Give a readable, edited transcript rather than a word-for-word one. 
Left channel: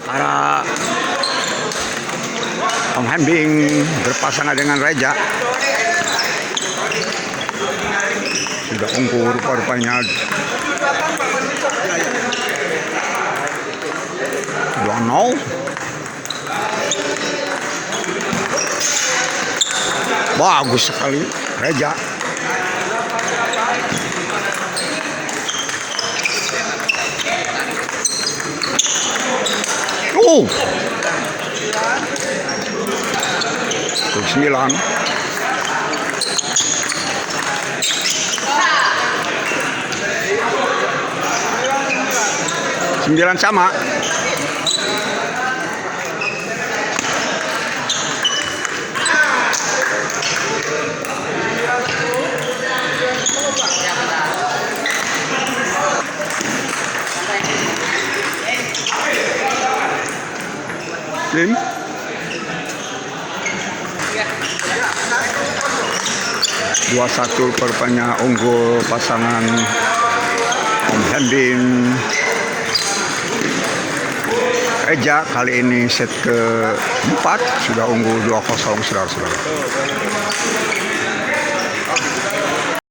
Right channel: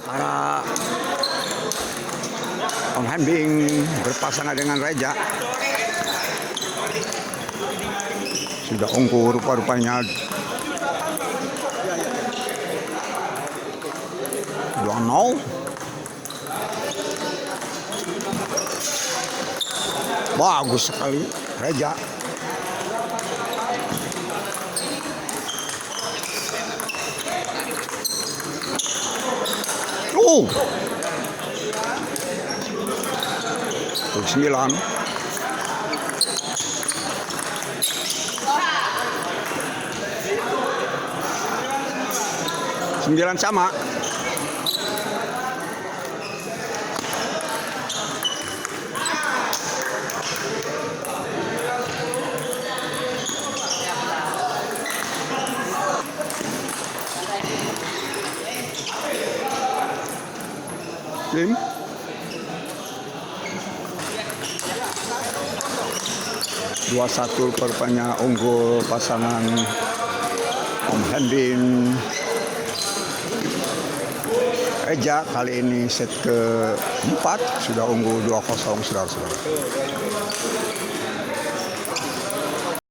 Para penghembing berpasangan dengan Reja. Sudah unggul rupa-rupanya 2-0. Bagus sekali Reja. Oh, 9. Sembilan sama. Tim 2-1 perpanjang unggul pasangan penghembing Reja. Kali ini set ke-4 sudah unggul 2-0 saudara-saudara.